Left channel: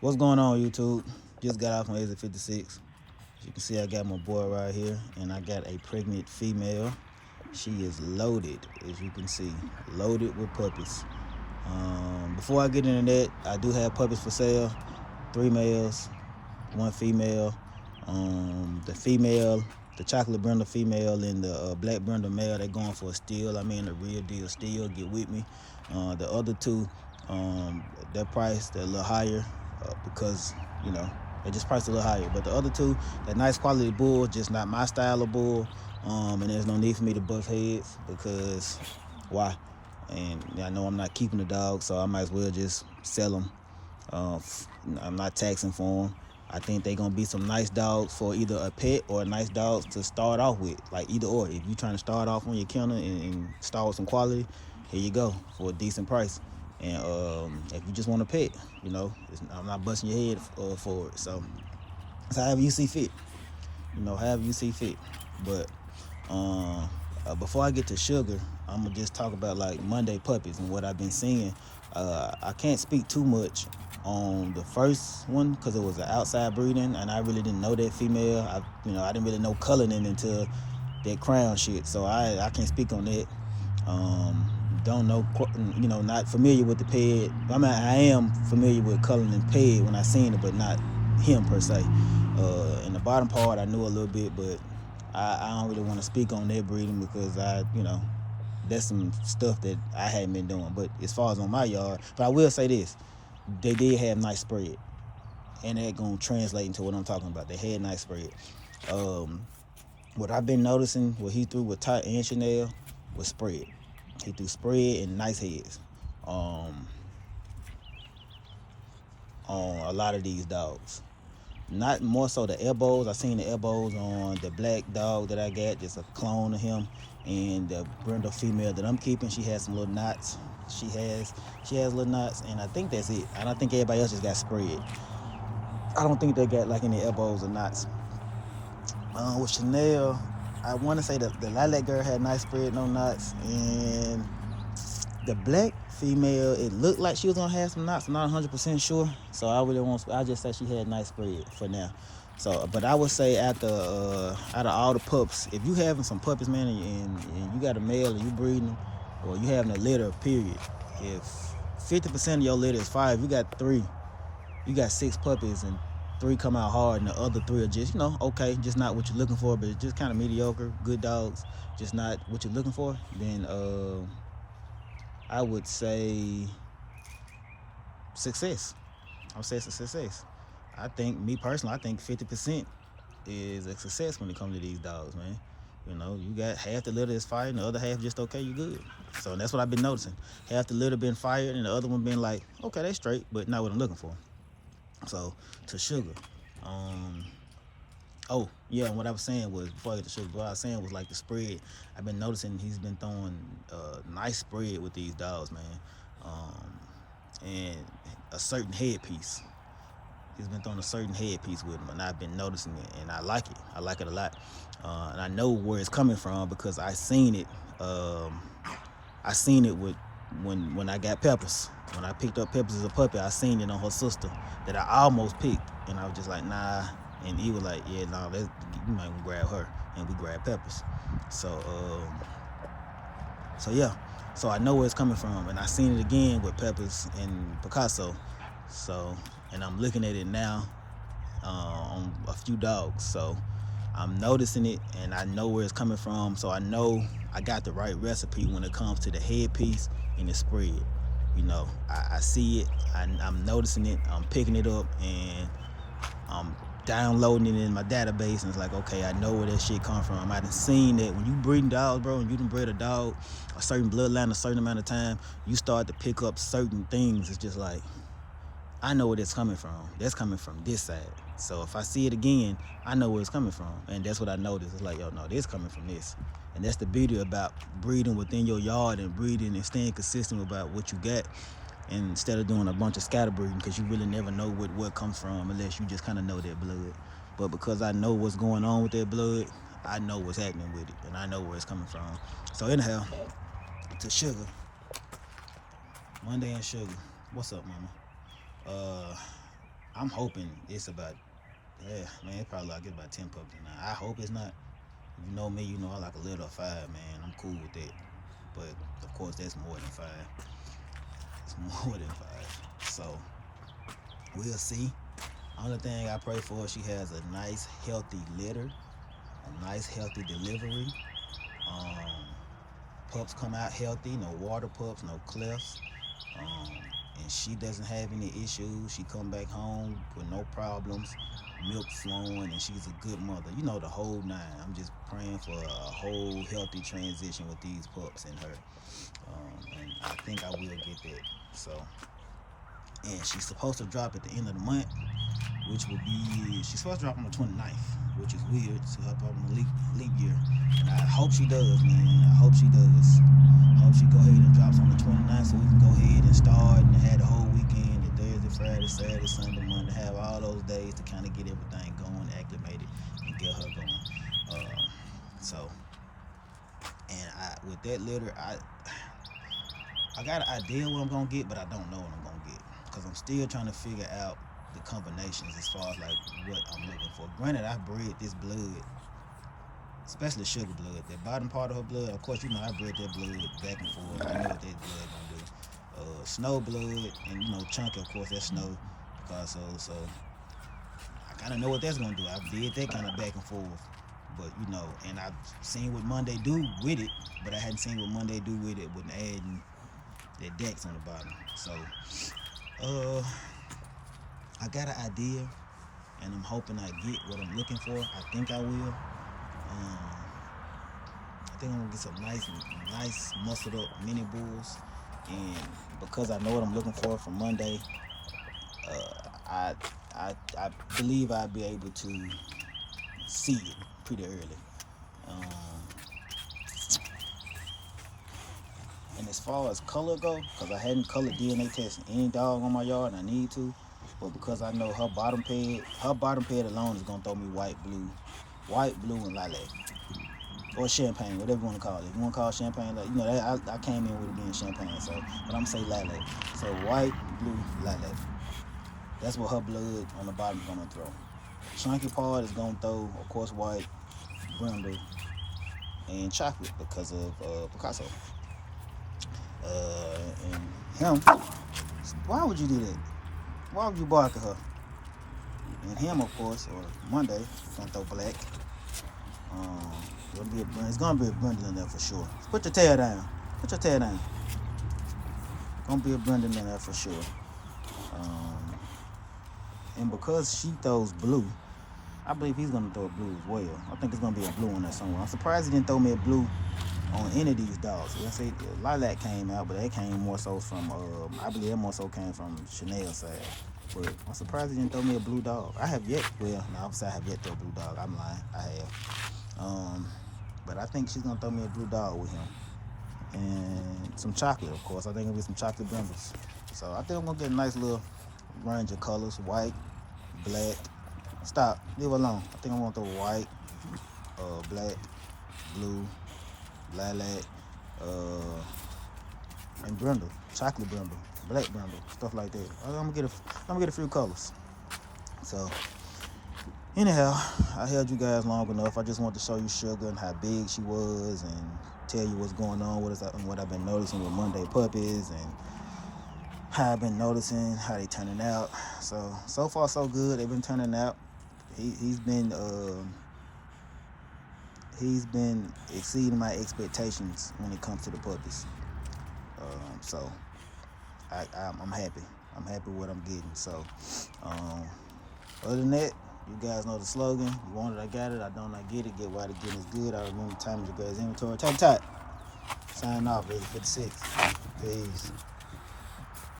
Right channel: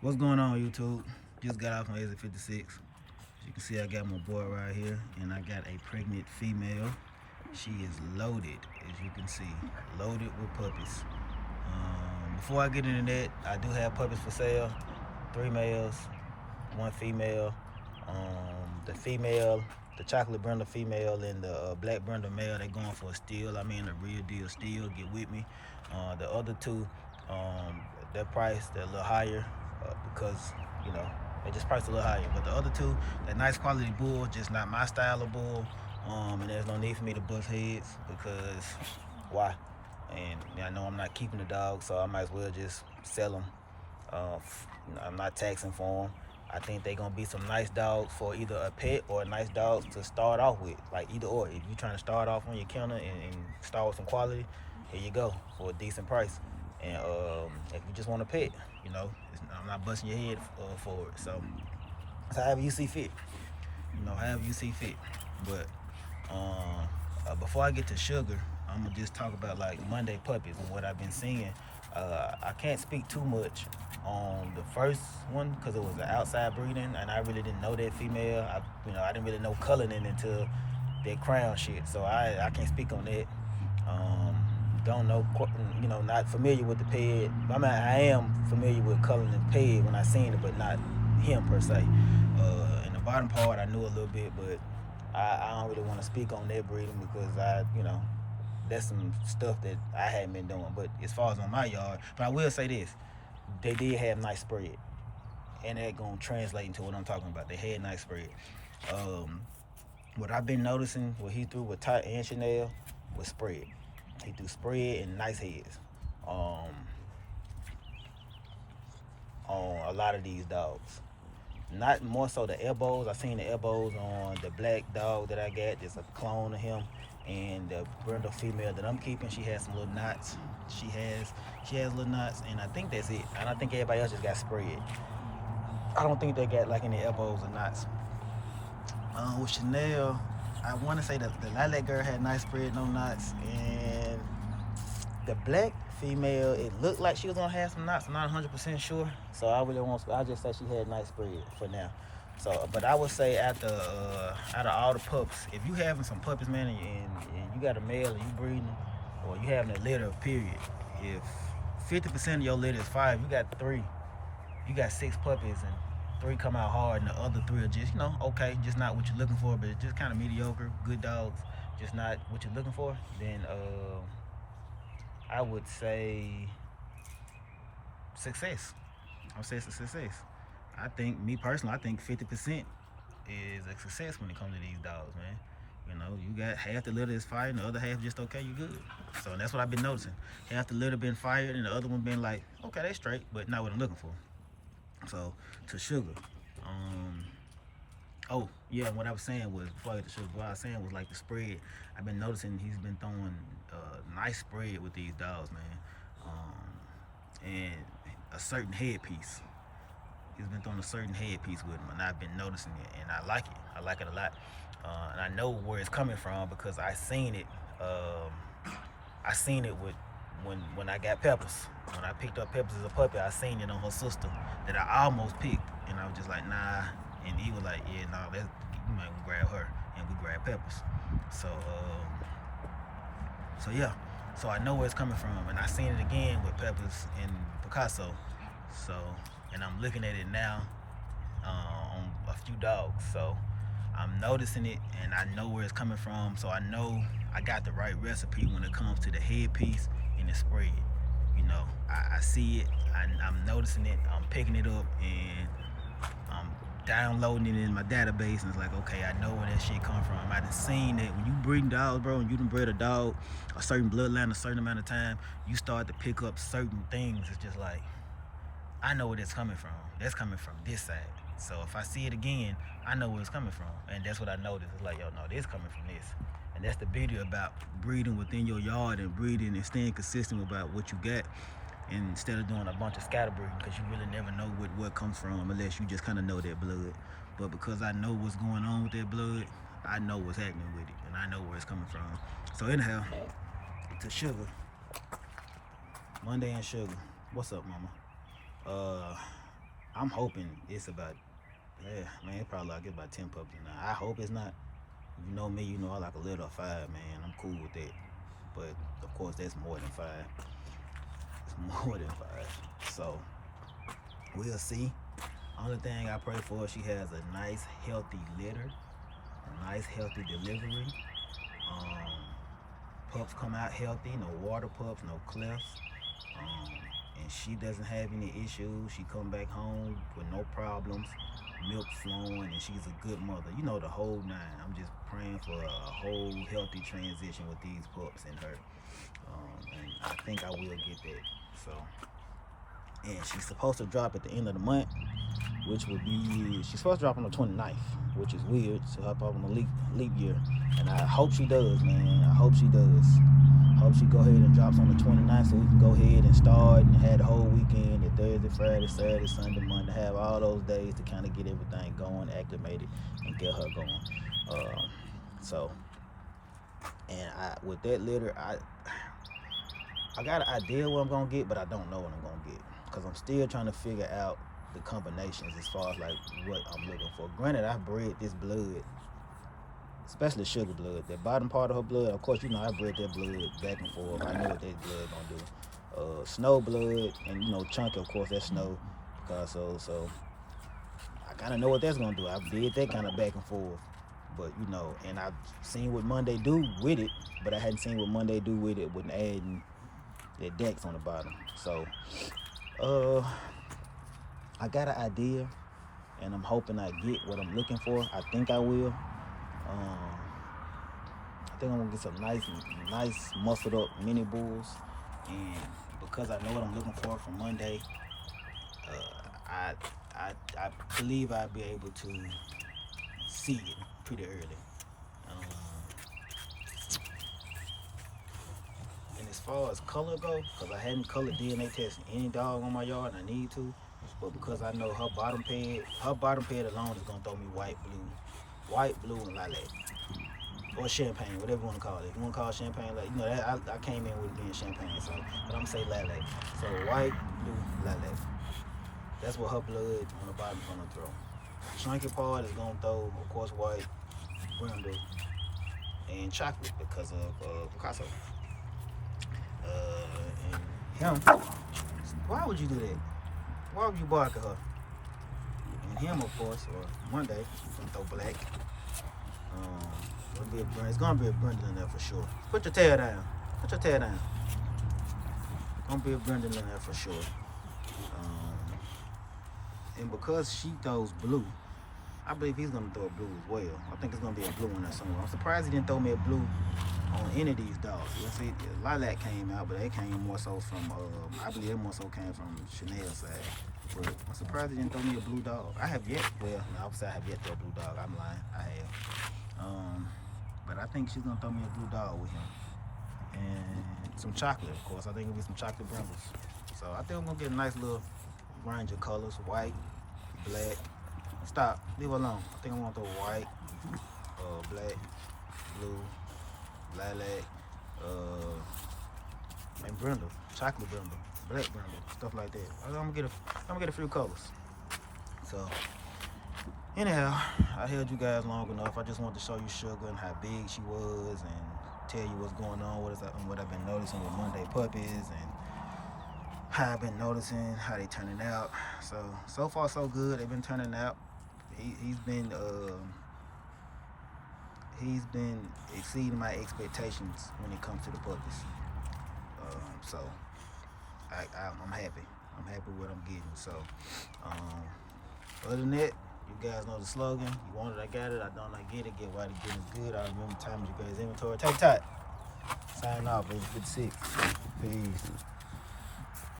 What's going on, YouTube? Just got off on exit 56. As you can see, I got my boy right here, and I got a pregnant female. She is loaded, as you can see, loaded with puppies. Before I get into that, I do have puppies for sale. 3 males, 1 female. The female, the chocolate brindle female and the black brindle male, they're going for a steal. I mean, a real deal steal. Get with me. The other two, their price, they're a little higher because, you know, they just priced a little higher. But the other two, they're nice quality bulls, just not my style of bull. And there's no need for me to bust heads because why? And I know I'm not keeping the dog, so I might as well just sell them. I'm not taxing for them. I think they're gonna be some nice dogs for either a pet or a nice dogs to start off with, like either or. If you're trying to start off on your kennel and start with some quality, here you go for a decent price. And if you just want a pet, you know, I'm not busting your head for it. So it's however you see fit, you know, however you see fit. But before I get to Sugar, I'm gonna just talk about like Monday puppies and what I've been seeing. I can't speak too much on the first one because it was an outside breeding, and I really didn't know that female. I didn't really know coloring until that crown shit, so I can't speak on that. Don't know, not familiar with the peg. I mean, I am familiar with coloring and peg when I seen it, but not him per se. In the bottom part, I knew a little bit, but I don't really want to speak on that breeding because that's some stuff that I hadn't been doing. But as far as on my yard, but I will say this: they did have nice spread, and that gonna translate into what I'm talking about. They had nice spread. What I've been noticing, what he threw with Ty and Chanel was spread. He threw spread and nice heads. On a lot of these dogs. Not more so the elbows. I seen the elbows on the black dog that I got. It's a clone of him. And the brindle female that I'm keeping, she has some little knots. She has little knots, and I think that's it. I don't think everybody else just got spread. I don't think they got like any elbows or knots. With Chanel, I want to say that the lilac girl had nice spread, no knots, and the black female, it looked like she was gonna have some knots. I'm not 100% sure, so I just said she had nice spread for now. So, but I would say out of all the pups, if you having some puppies, man, and you got a male and you breeding, or you having a litter, period. If 50% of your litter is 5, you got 6 puppies and 3 come out hard, and the other 3 are just, okay, just not what you're looking for, but just kind of mediocre, good dogs, just not what you're looking for. Then I would say success. I would say it's a success. Me personally, I think 50% is a success when it comes to these dogs, man. You got half the litter is fired and the other half just okay, you good. So that's what I've been noticing. Half the litter been fired and the other one been like, okay, that's straight, but not what I'm looking for. So to Sugar. Oh, yeah, and what I was saying was, before I get to Sugar, what I was saying was like the spread. I've been noticing he's been throwing nice spread with these dogs, man. And a certain headpiece. He's been throwing a certain headpiece with him, and I've been noticing it, and I like it. I like it a lot. And I know where it's coming from because I seen it. I seen it with when I got Peppers. When I picked up Peppers as a puppy, I seen it on her sister that I almost picked, and I was just like, nah. And he was like, yeah, nah, you might grab her, and we grabbed Peppers. So yeah. So I know where it's coming from, and I seen it again with Peppers and Picasso. So, and I'm looking at it now on a few dogs. So I'm noticing it, and I know where it's coming from. So I know I got the right recipe when it comes to the headpiece and the spread. I see it. I'm noticing it. I'm picking it up, and I'm downloading it in my database, and it's like, okay, I know where that shit come from. I done seen that when you breeding dogs, bro, and you done bred a dog a certain bloodline a certain amount of time, you start to pick up certain things. It's just like, I know where it's coming from. That's coming from this side. So if I see it again, I know where it's coming from. And that's what I noticed. It's like, yo, no, this coming from this. And that's the beauty about breeding within your yard and breeding and staying consistent about what you got, and instead of doing a bunch of scatter breeding, because you really never know what comes from unless you just kind of know that blood. But because I know what's going on with that blood, I know what's happening with it, and I know where it's coming from. So anyhow, to Sugar. Monday and Sugar. What's up, mama? I'm hoping it's about, yeah, man, it's probably like it's about 10 pups now. I hope it's not. If you know me, you know I like a little 5, man. I'm cool with that. But of course, that's more than 5. It's more than 5. So we'll see. Only thing I pray for, she has a nice, healthy litter, a nice, healthy delivery. Um, Pups come out healthy, no water pups, no clefts. And she doesn't have any issues. She come back home with no problems, milk flowing, and she's a good mother. You know, the whole 9. I'm just praying for a whole healthy transition with these pups and her. And I think I will get that. So, and she's supposed to drop at the end of the month, which would be, she's supposed to drop on the 29th, which is weird. So I probably on a leap year. And I hope she does, man. I hope she does. Hope she go ahead and drops on the 29th so we can go ahead and start and have the whole weekend, the Thursday, Friday, Saturday, Sunday, Monday, have all those days to kind of get everything going, acclimated, and get her going. So, and with that litter, I got an idea what I'm going to get, but I don't know what I'm going to get. Because I'm still trying to figure out the combinations as far as like what I'm looking for. Granted, I bred this blood, especially sugar blood, that bottom part of her blood. Of course, you know I bred that blood back and forth. I know what that blood gonna do. Snow blood, and you know chunky, of course, that's snow. Because so I kind of know what that's gonna do. I did that kind of back and forth, but you know, and I've seen what Monday do with it, but I hadn't seen what Monday do with it with adding that Dex on the bottom. So, I got an idea, and I'm hoping I get what I'm looking for. I think I will. I think I'm gonna get some nice muscled up mini bulls, and because I know what I'm looking for from Monday, I believe I'll be able to see it pretty early. And as far as color go, because I hadn't colored DNA testing any dog on my yard, and I need to, but because I know her bottom pad alone is gonna throw me white, blue, and lilac. Or champagne, whatever you want to call it. If you want to call it champagne, like, you know, that, I came in with it being champagne, so, but I'm going to say lilac. So white, blue, lilac. That's what her blood on the bottom is going to throw. Chunky part is going to throw, of course, white, brindle, and chocolate because of Picasso. And him, why would you do that? Why would you bark at her? And him, of course, or Monday, is going to throw black. It's gonna be a Brendan in there for sure. Put your tail down. Gonna be a Brendan in there for sure. And because she throws blue, I believe he's gonna throw blue as well. I think it's gonna be a blue in there somewhere. I'm surprised he didn't throw me a blue on any of these dogs. Let's say lilac came out, but that came more so from I believe that more so came from Chanel's side. But I'm surprised he didn't throw me a blue dog. I have yet, well, no, I have yet to throw a blue dog. I'm lying. I have. But I think she's gonna throw me a blue dog with him. And some chocolate, of course. I think it'll be some chocolate brindles. So I think I'm gonna get a nice little range of colors. White, black. Stop, leave it alone. I think I'm gonna throw white, black, blue, lilac, and brindle, chocolate brindle, black brindle, stuff like that. I'm gonna get a few colors. So anyhow, I held you guys long enough. I just wanted to show you Sugar and how big she was, and tell you what's going on with us and what I've been noticing with Monday puppies, and how I've been noticing how they turning out. So far so good. They've been turning out. He's been exceeding my expectations when it comes to the puppies. So I'm happy. I'm happy with what I'm getting. So other than that, you guys know the slogan. You want it, I got it. I don't, I get it. Get why the getting is good. I remember time your guys' inventory. Take time. Sign off, 56. Peace.